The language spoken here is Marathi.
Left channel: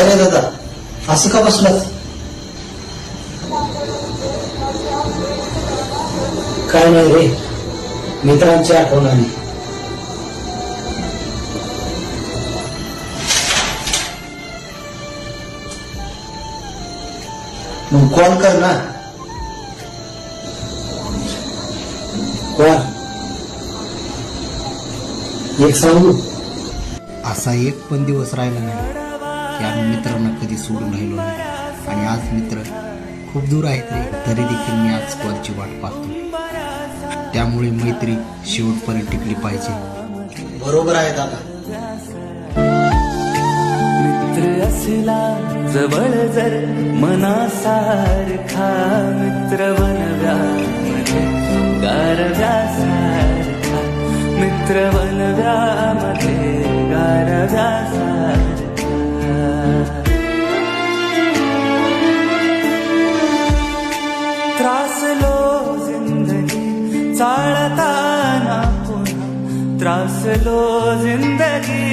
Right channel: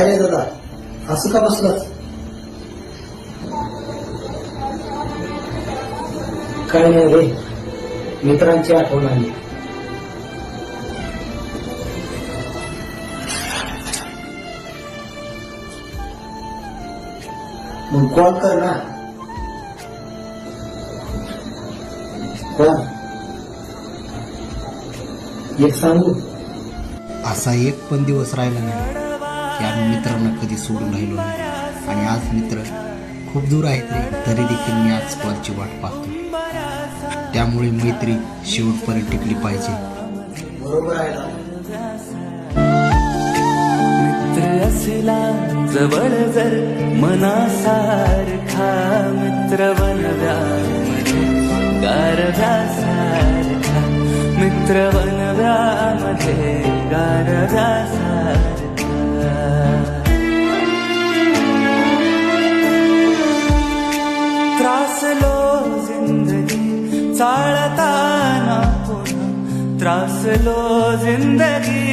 काय रे दादा, असं का बसलात? काय नाही रे, मित्रांची आठवण आली. मग कॉल कर ना. कोण? एक सांगू, असा एक पण दिवस राहिला नाही की आम्ही मित्रांना कधी सोडून राहिलो नाही. आणि आज मित्र खूप दूर आहेत रे, तरी देखील मी आज कॉलची वाट पाहतो. त्यामुळे मैत्री शेवटपर्यंत टिकली पाहिजे. बरोबर आहे दादा. मित्र असला जवळ जर मनासारखा, मित्र बनव्यामध्ये गारव्यासारखा, मित्र बनव्यामध्ये गारव्यासारखा. त्रासलो जिंदगी चालताना पुन्हा, त्रासलो जिंदगी